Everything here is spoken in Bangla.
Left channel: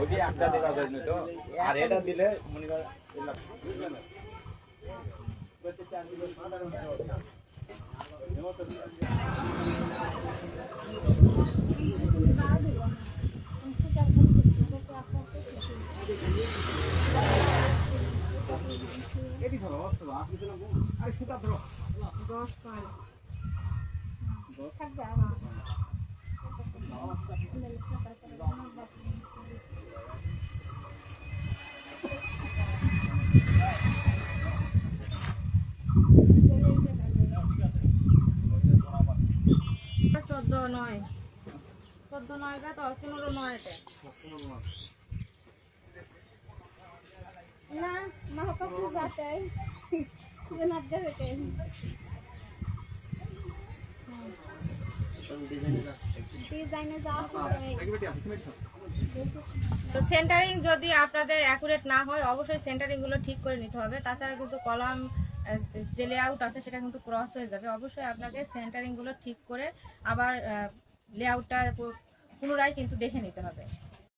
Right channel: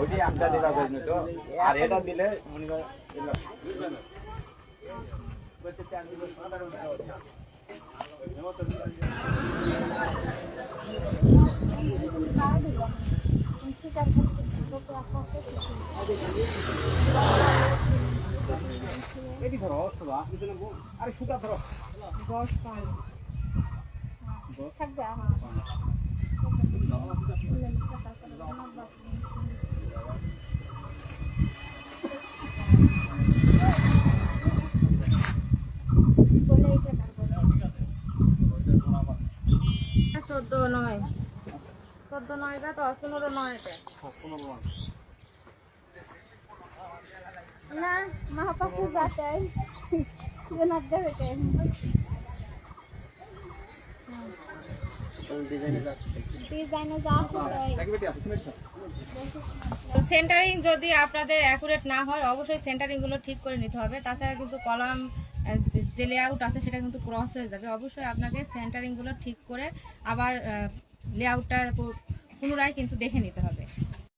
ওইটি একটা দিবা কইনি তো আর এটা দিলে মনে কর এটি ধরো আরে সুতা ধরো 10 পাঁচ থাকবে আর চোদ্দ নয় গা তো 15 নয় এটা না মা কাছে যাতে জনাব দেবে কে ডিজাইনে যা তো সেন্টারিং যদি আপনাদের অ্যাকুরেট না হয় অবশ্যই সেন্টারিংগুলো ঠিক করে নিতে হবে। তাছাড়া কিন্তু কলাম যে লেআউট আছে সেটা কিন্তু ক্রস হয়ে যাবে। অবশ্যই আপনাকে সেন্টারিংগুলো ঠিক করে আবার লেআউটটা পুনরায় কিন্তু দেখে নিতে হবে।